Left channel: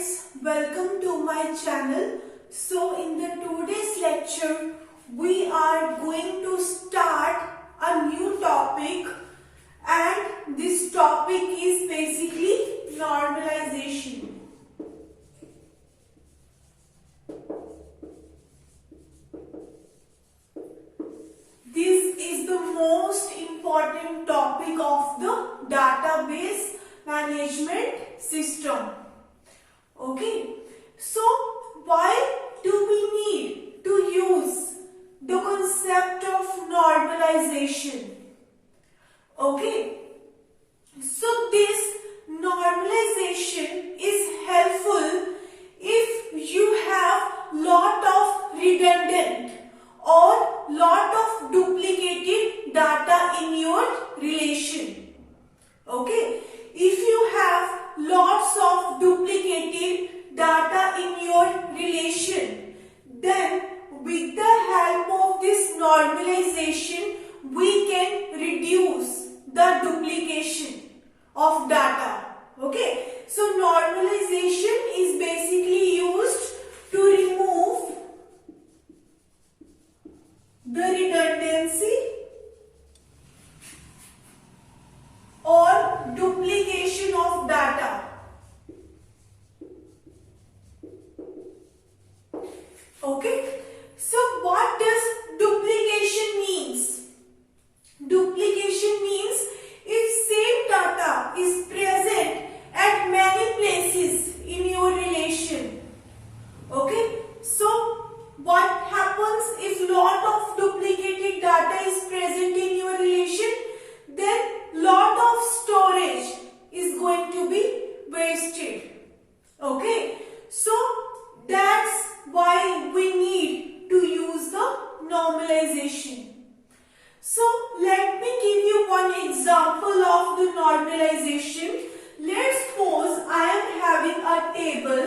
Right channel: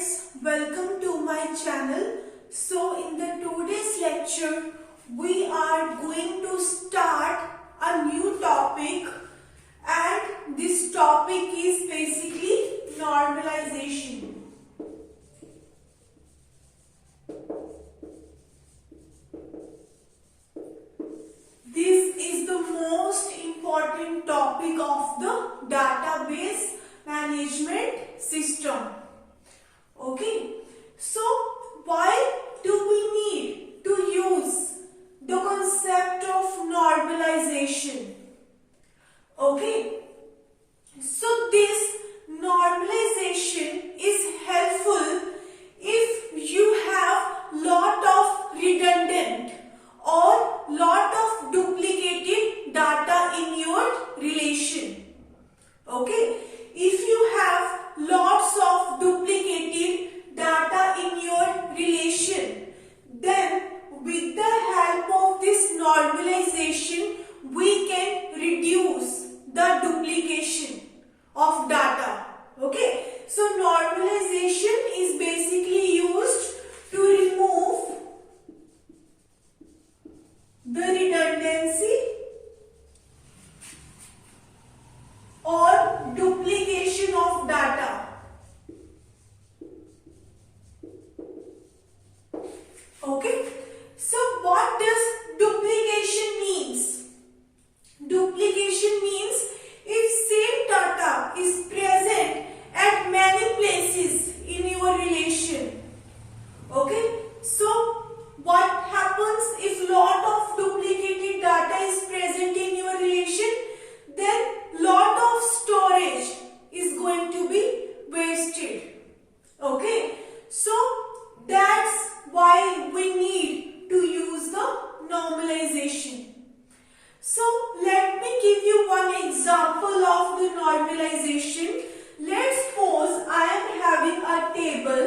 friends, welcome to my channel. So in the today's lecture we are going to start a new topic, and this topic is basically normalization. This is the most important topic of the database management system. Okay, so why do we need to use the concept of normalization? Okay, so this normalization is helpful if you have lot of redundant or lot of duplicated data in your relation. Okay, if you have lots of duplicated data in your relation, then with the help of this normalization we can reduce the duplication of data. Okay, so normalization is basically used to remove the redundancy or duplication of data. Okay, so what does duplication means? Duplication means if same data is present at many places in your relation. Okay, so what happens if lot of duplicated data is present in your relation? Then lot of storage is going to be wasted. Okay, so that's why we need to use the normalization. So let me give you one example of the normalization. Let's suppose I am having a table.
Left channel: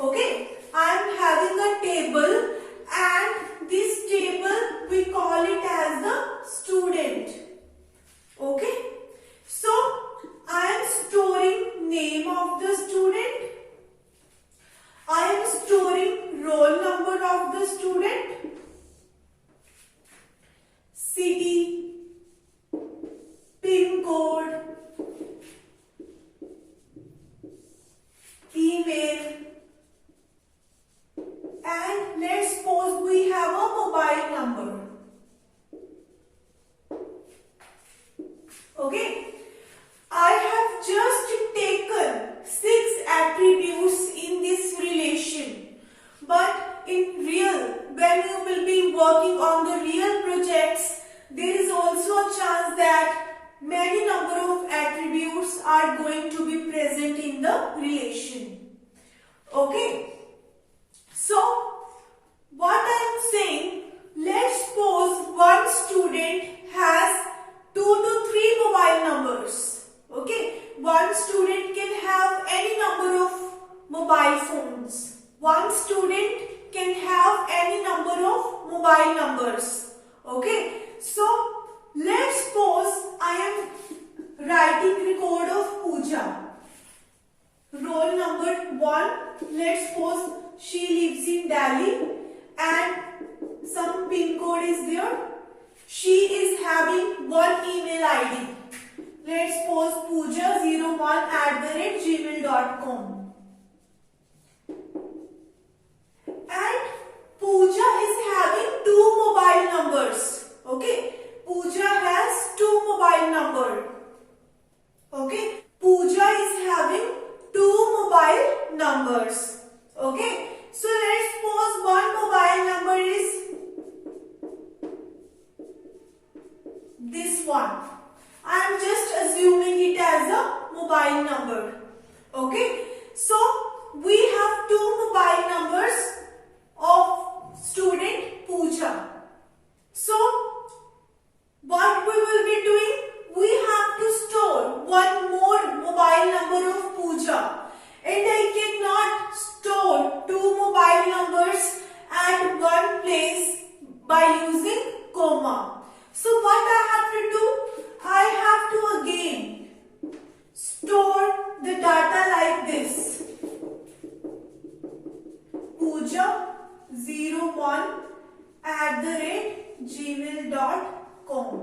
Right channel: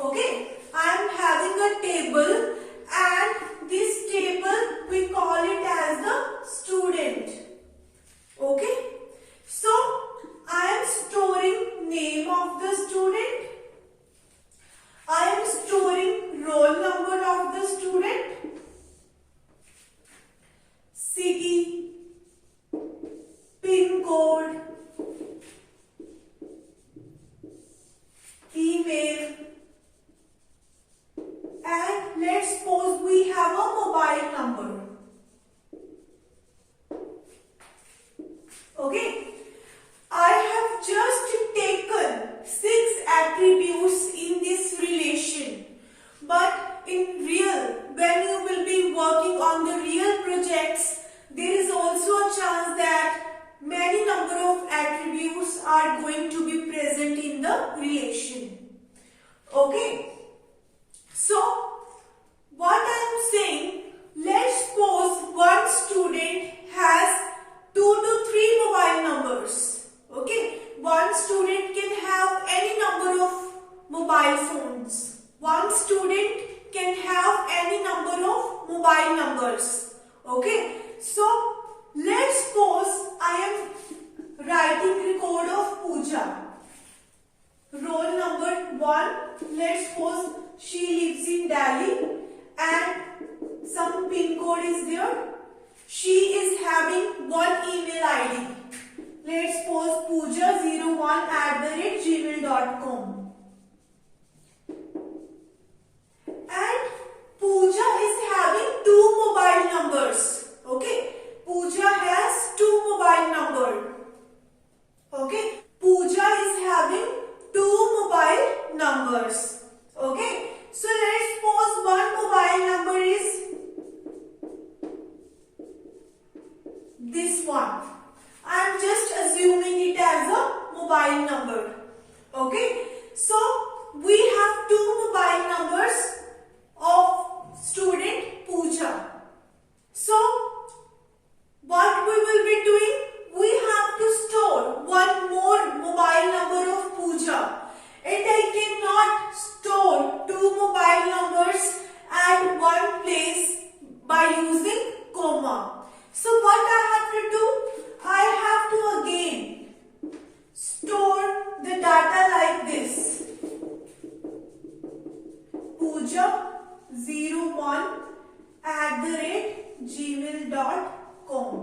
Okay, I am having a table, and this table we call it as the student. Okay, so I am storing name of the student. I am storing roll number of the student, city, pin code, email, and let's suppose we have a mobile number. Okay, I have just taken 6 attributes in this relation, but in real, when you will be working on the real projects, there is also a chance that many number of attributes are going to be present in the relation. Okay, so what I am saying, let's suppose one student has 2 to 3 mobile numbers. Okay, one student can have any number of mobile phones. One student can have any number of mobile numbers. Okay, so let's suppose I am writing record of Pooja. Roll number 1, let's suppose she lives in Delhi and some pin code is there. She is having one email ID. Let's suppose pooja01@gmail.com. And Pooja is having 2 mobile numbers. Okay, Pooja has 2 mobile numbers. Okay, Pooja is having 2 mobile numbers. Okay, so let's suppose one mobile number is this one. I am just assuming it as a mobile number. Okay, so we have 2 mobile numbers of student Pooja. So what we will be doing? We have to store one more mobile number of Pooja, and I cannot store 2 mobile numbers at one place by using comma. So what I have to do? I have to again store the data like this. 1@gmail.com.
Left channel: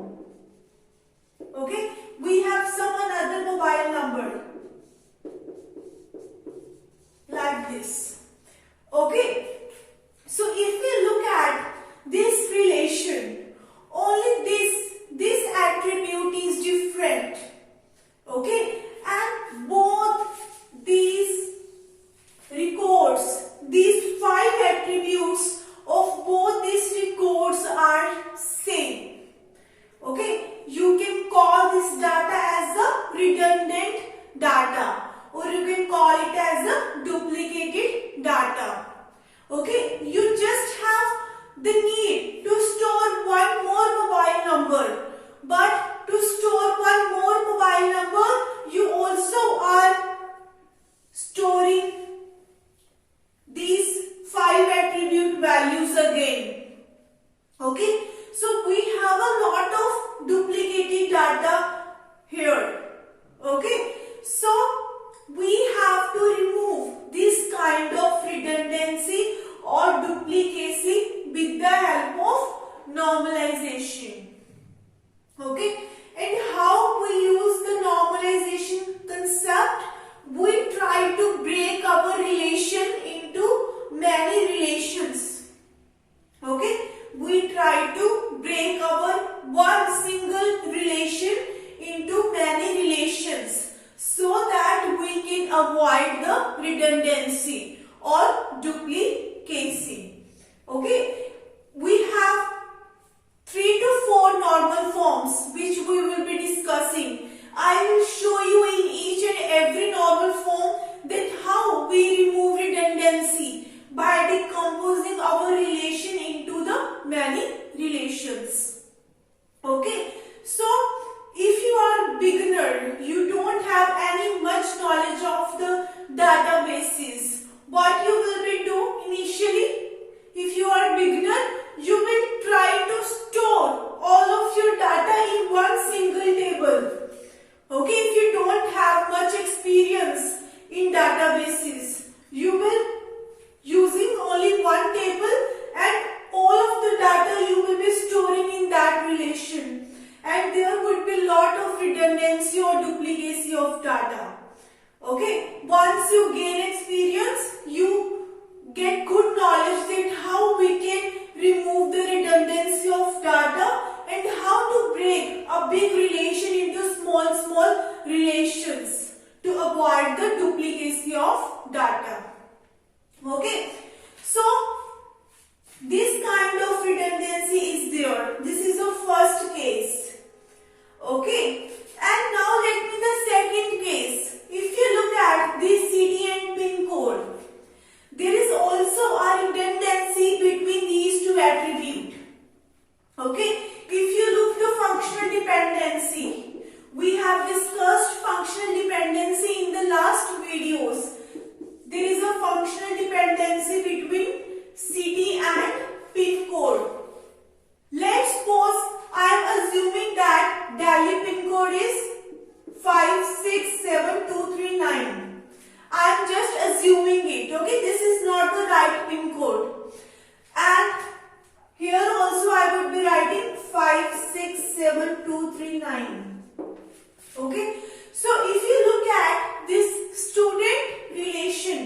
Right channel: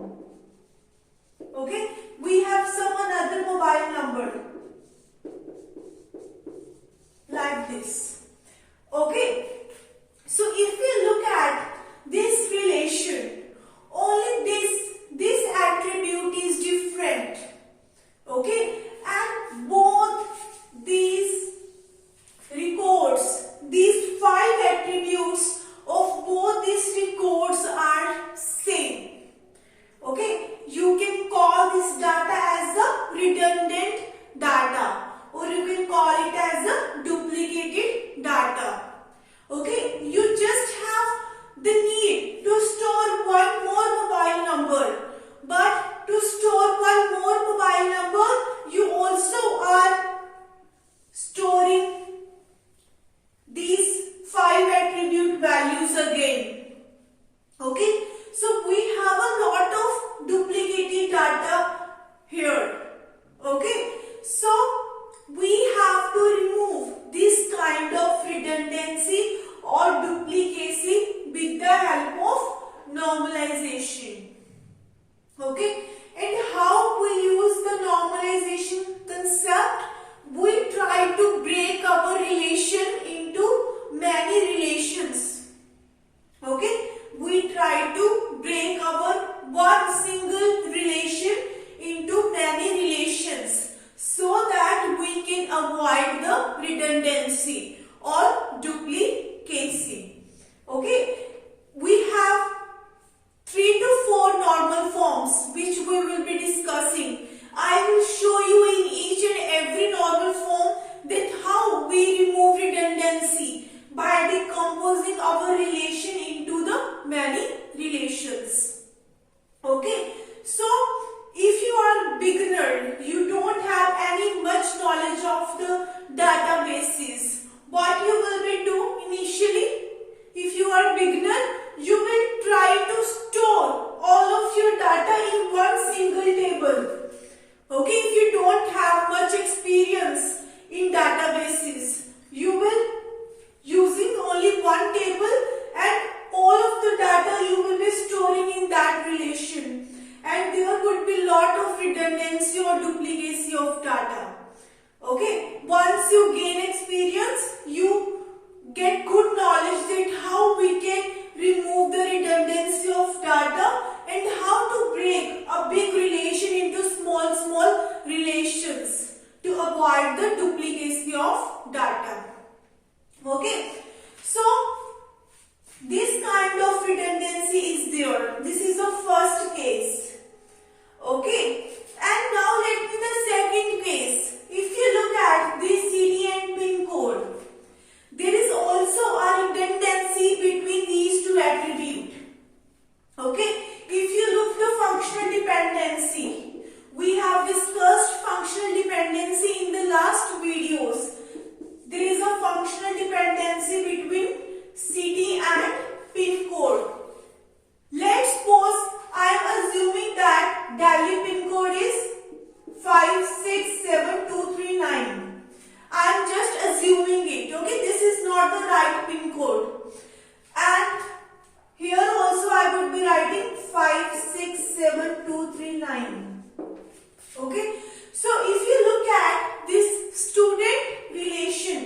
Okay, we have some another mobile number like this. Okay, so if we look at this relation, only this attribute is different. Okay, and both these records, these 5 attributes of both these records are same. Okay, you can call this data as the redundant data, or you can call it as a duplicated data. Okay, you just have the need to store one more mobile number, but to store one more mobile number, you also are storing these 5 attribute values again. Okay, so we have a lot of duplicated data here. Okay, so we have to remove this kind of redundancy or duplicacy with the help of normalization. Okay, and how we use the normalization concept? We try to break our relation into many relations. Okay, we try to break our one single relation into many relations so that we can avoid the redundancy or duplicacy. Okay, we have 3 to 4 normal forms which we will be discussing. I will show you in each and every normal form that how we remove redundancy by decomposing our relation into the many relations. Okay, so if you are beginner, you don't have any much knowledge of the databases, what you will be do initially? If you are beginner, you will try to store all of your data in one single table. Okay, if you don't have much experience in databases, you will using only one table and all of the data you will be storing in that relation, and there would be lot of redundancy or duplicacy of data. Okay, once you gain experience, you get good knowledge that how we can remove the redundancy of data and how to break a big relation into small relations to avoid the duplicacy of data. Okay, so this kind of redundancy is there. This is the first case. Okay, and now let me the second case. If you look at this city and pin code, there is also a redundancy between these 2 attributes. Okay, if you look the functional dependency, we have discussed functional dependency in the last videos. There is a functional dependency between city and pin code. Let's suppose I am assuming that Delhi pin code is 567239. I am just assuming it. Okay, this is not the right pin code. And here also I would be writing 567239. Okay, so if you look at this student relation,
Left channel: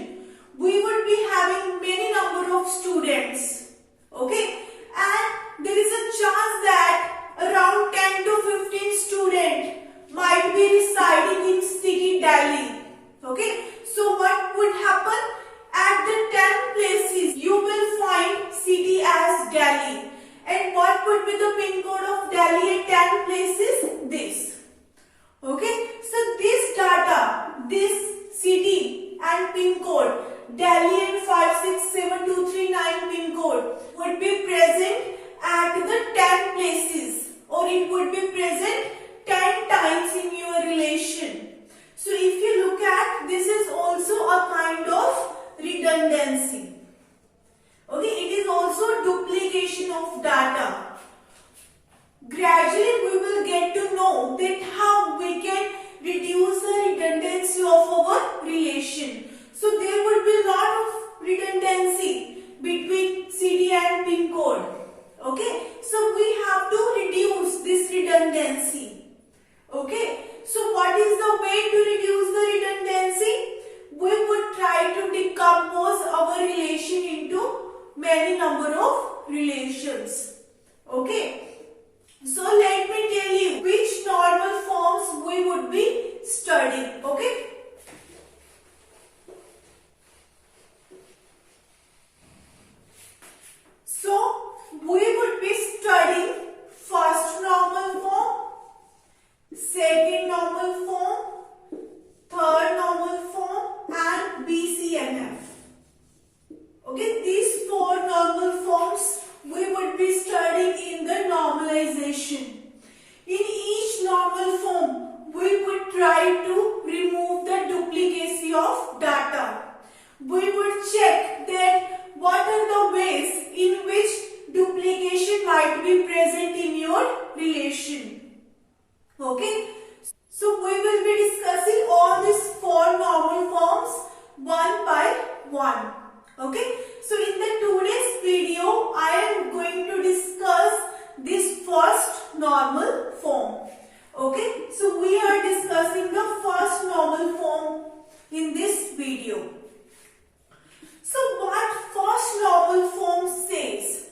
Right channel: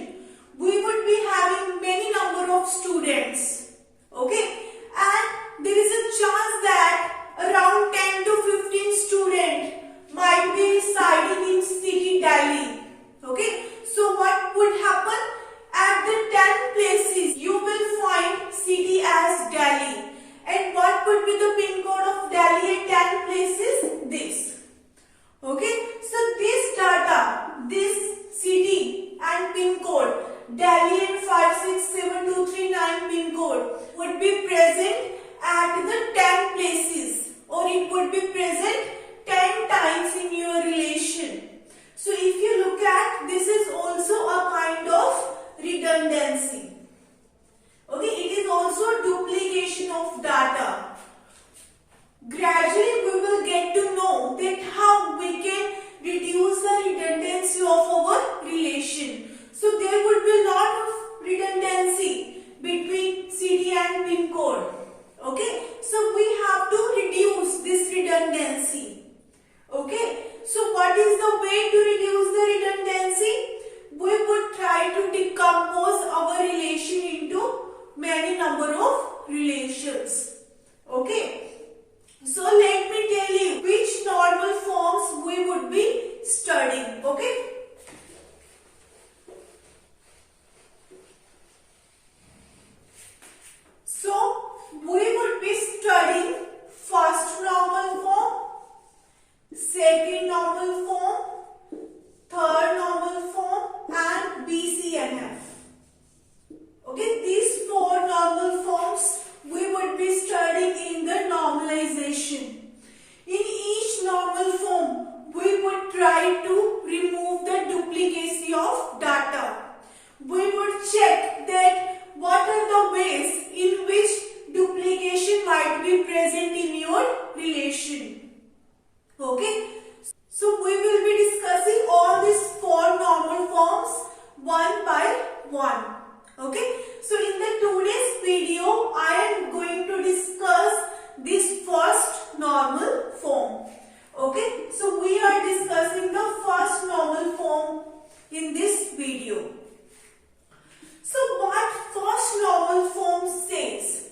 we would be having many number of students. Okay, and there is a chance that around 10 to 15 students might be residing in city Delhi. Okay, so what would happen? At the 10 places you will find city as Delhi, and what would be the pin code of Delhi at 10 places? This. Okay, so this data, this city and pin code, Delhi and 567239 pin code would be present at the 10 places, or it would be present 10 times in your relation. So if you look at, this is also a kind of redundancy. Okay, it is also duplication of data. Gradually we will get to know that how we can reduce the redundancy of our relation. So there would be a lot of of data. We would check that what are the ways in which duplication might be present in your relation. Okay. So we will be discussing all these four normal forms one by one. Okay. So in the today's video, I am going to discuss this first normal form. Okay. So we are discussing the first normal form in this video. So what first normal form says?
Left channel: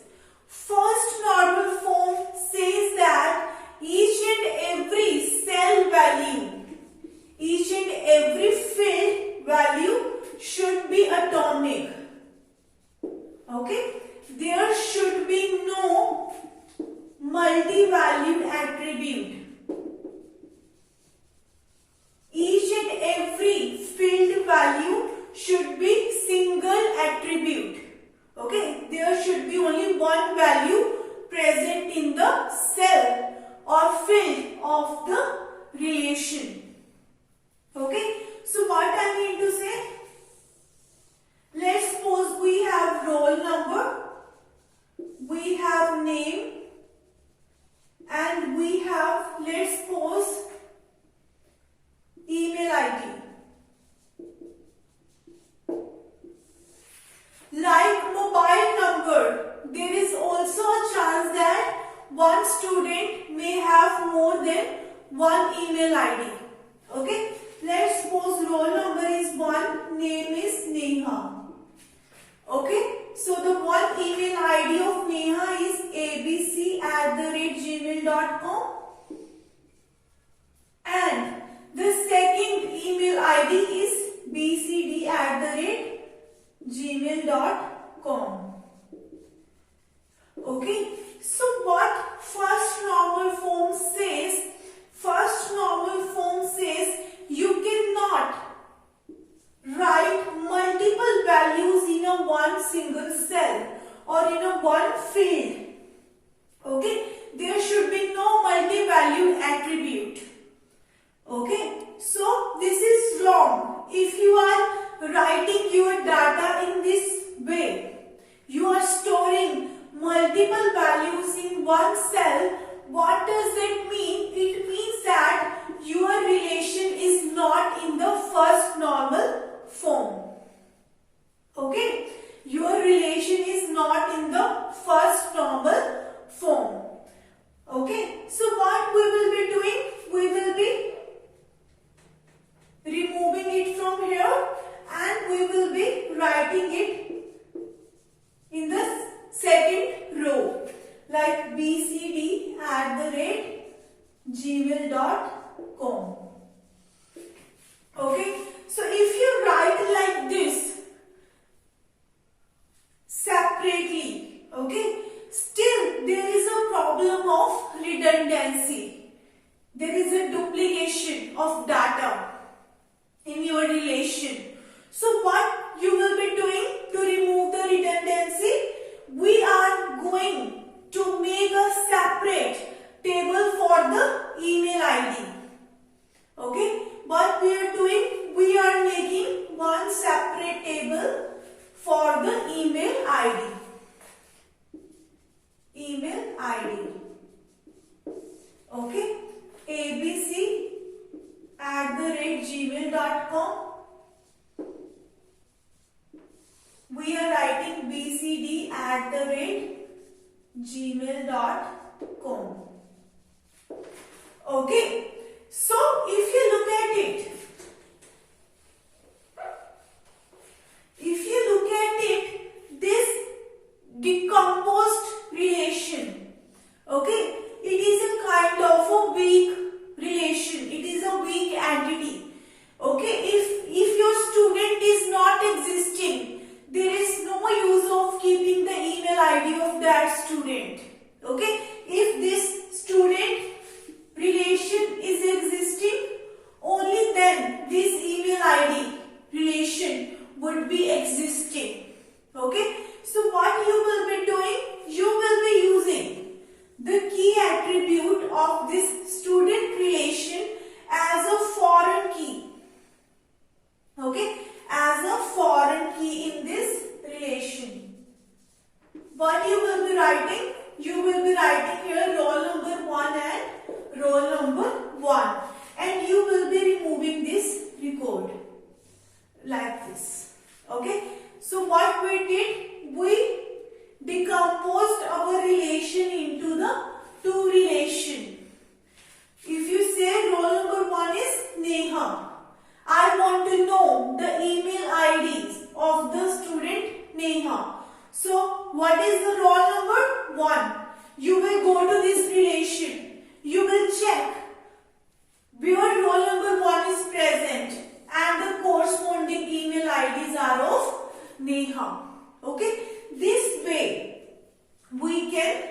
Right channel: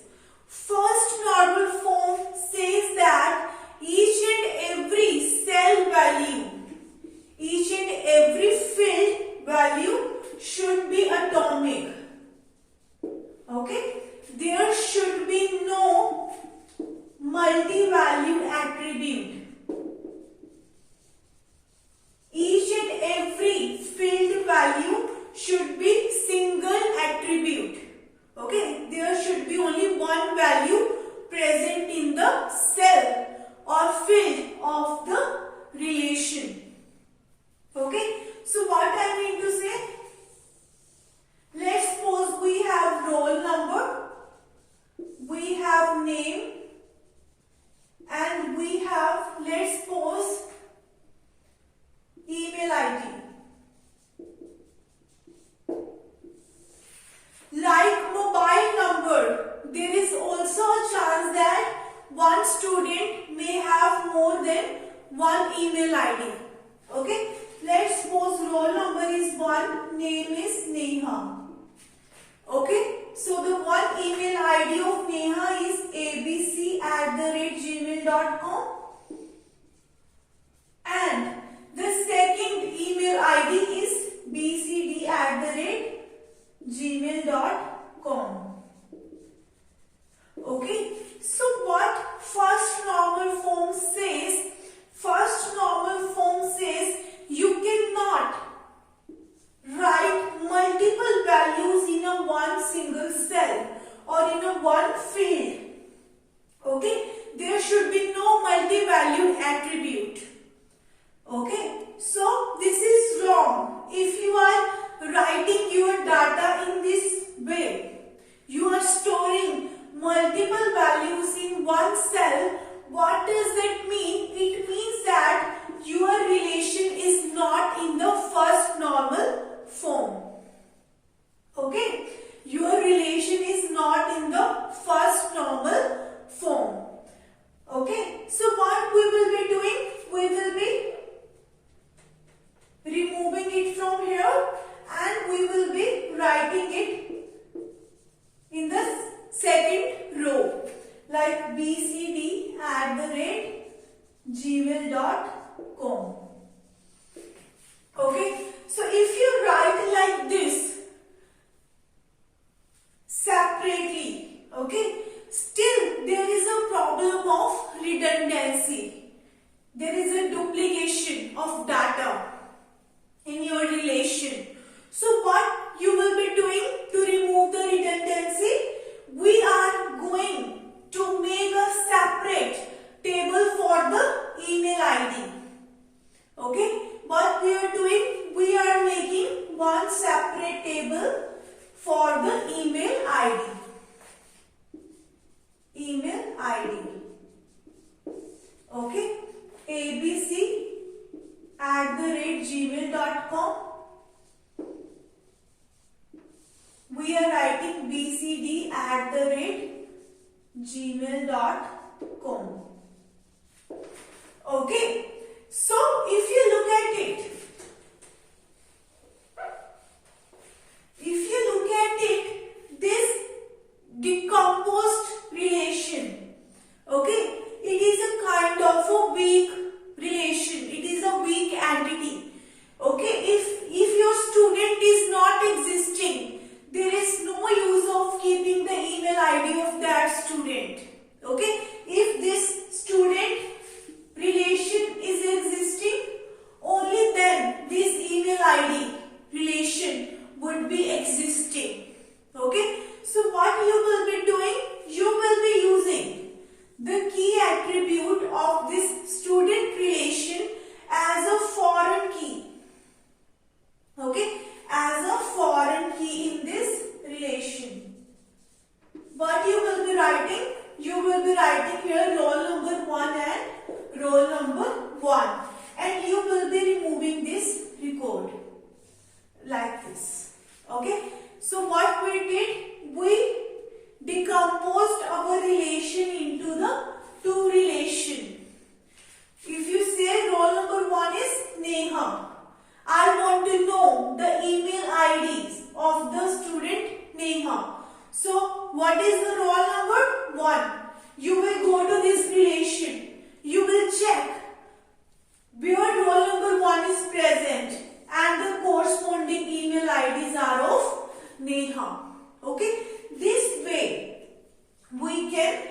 First normal form says that each and every cell value, each and every field value should be atomic. Okay? There should be no multi-valued attribute. Each and every field value should be single attribute. Okay? There should be only one value present in the cell or field of the relation. Okay? So what I mean to say? Let's suppose we have roll number, we have name, and we have, let's suppose, email ID. Like mobile number, there is also a chance that one student may have more than one email ID. Okay? Let's suppose roll number is 1, name is Neha. Okay? So the one email ID of Neha is abc@gmail.com, and the second email ID is bcd@gmail.com. Okay? So what first normal form says? First normal form says you cannot write multiple values in a one single cell or in a one field. Okay? There should be no multi-valued attribute. Okay? So this is wrong. If you are writing your data in this way, you are storing multiple values in one cell. What does that mean? It means that your relation is not in the first normal form. Okay? Your relation is not in the first normal form. Okay? So what we will be doing? We will be removing it from here and we will be writing it in the second row, like bcd@gmail.com. Okay? So if you write like this separately, okay, still there is a problem of redundancy. There is a duplication of data in your relation. So what you will be doing to remove the redundancy? We are going to make a separate table for the email ID. Okay? What we are doing? We are making one separate table for the email ID. Email ID. Okay? abc@gmail.com. We are writing bcd@gmail.com. Okay. So if you look at it, this decomposed relation, okay, it is a kind of a weak relation. It is a weak entity. Okay, if your student is not existing, there is no use of keeping the email ID of that student. Okay, if this student relation is existing, only then this email ID relation would be existing. Okay, so what you will be doing? You will be using the key attribute of this student relation as a foreign key. okay, as a foreign key in this relation. What you will be writing? You will be writing here roll number 1 and roll number 1, and you will be removing this record like this. Okay, so what we did, we decomposed our relation into the two relation. If you say roll number 1 is Neha, I want to know the email IDs of the student Neha. So what is the roll number 1? You will go to this relation. You will check where roll number 1 is present and the corresponding email IDs are of Neha. Okay, this way we can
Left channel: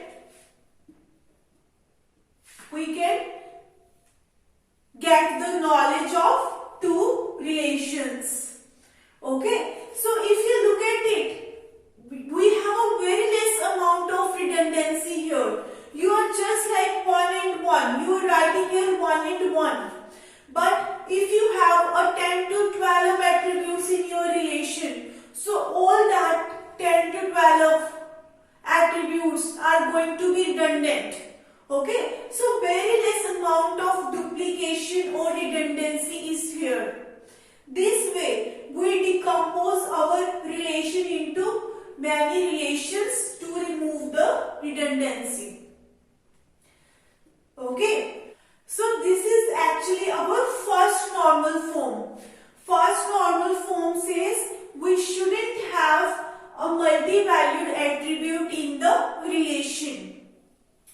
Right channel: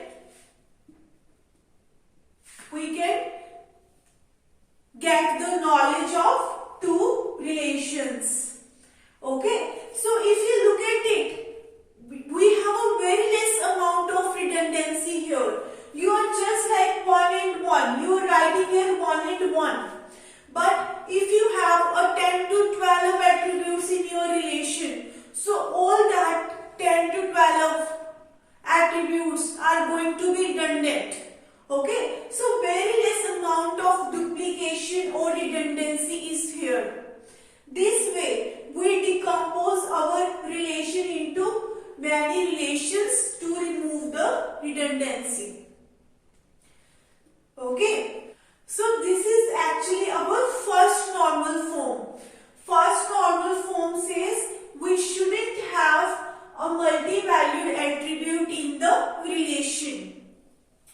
get the knowledge of two relations. Okay, so if you look at it, we have a very less amount of redundancy here. You are just like 1 and 1. You are writing here 1 and 1. But if you have a 10 to 12 attributes in your relation, so all that 10 to 12 attributes are going to be redundant. Okay, so very less amount of duplication or redundancy is here. This way, we decompose our relation into many relations to remove the redundancy. Okay, so this is actually our first normal form. First normal form says we shouldn't have a multi-valued attribute in the relation.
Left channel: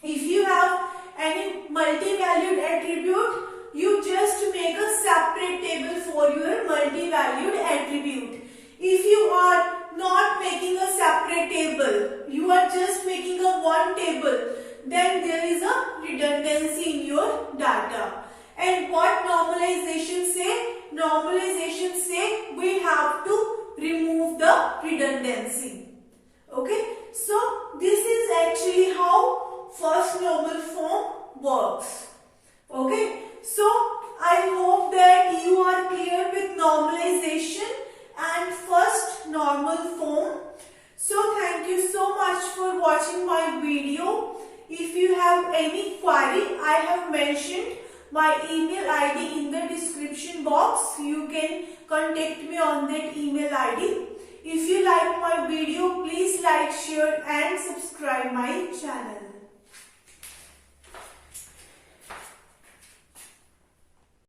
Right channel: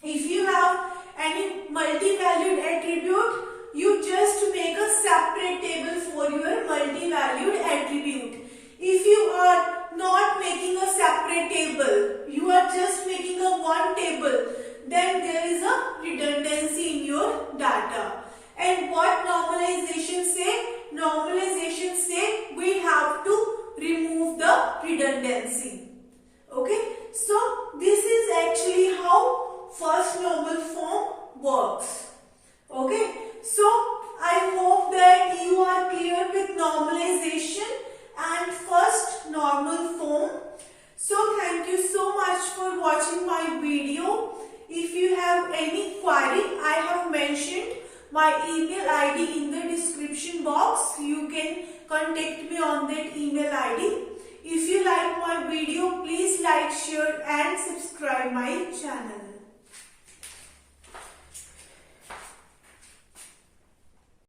If you have any multi-valued attribute, you just make a separate table for your multi-valued attribute. If you are not making a separate table, you are just making a one table, then there is a redundancy in your data. And what normalization say? Normalization say we have to remove the redundancy. Okay, so this is actually how first normal form works. Okay, so I hope that you are clear with normalization and first normal form. So thank you so much for watching my video. If you have any query, I have mentioned my email ID in the description box. You can contact me on that email ID. If you like my video, please like, share and subscribe my channel.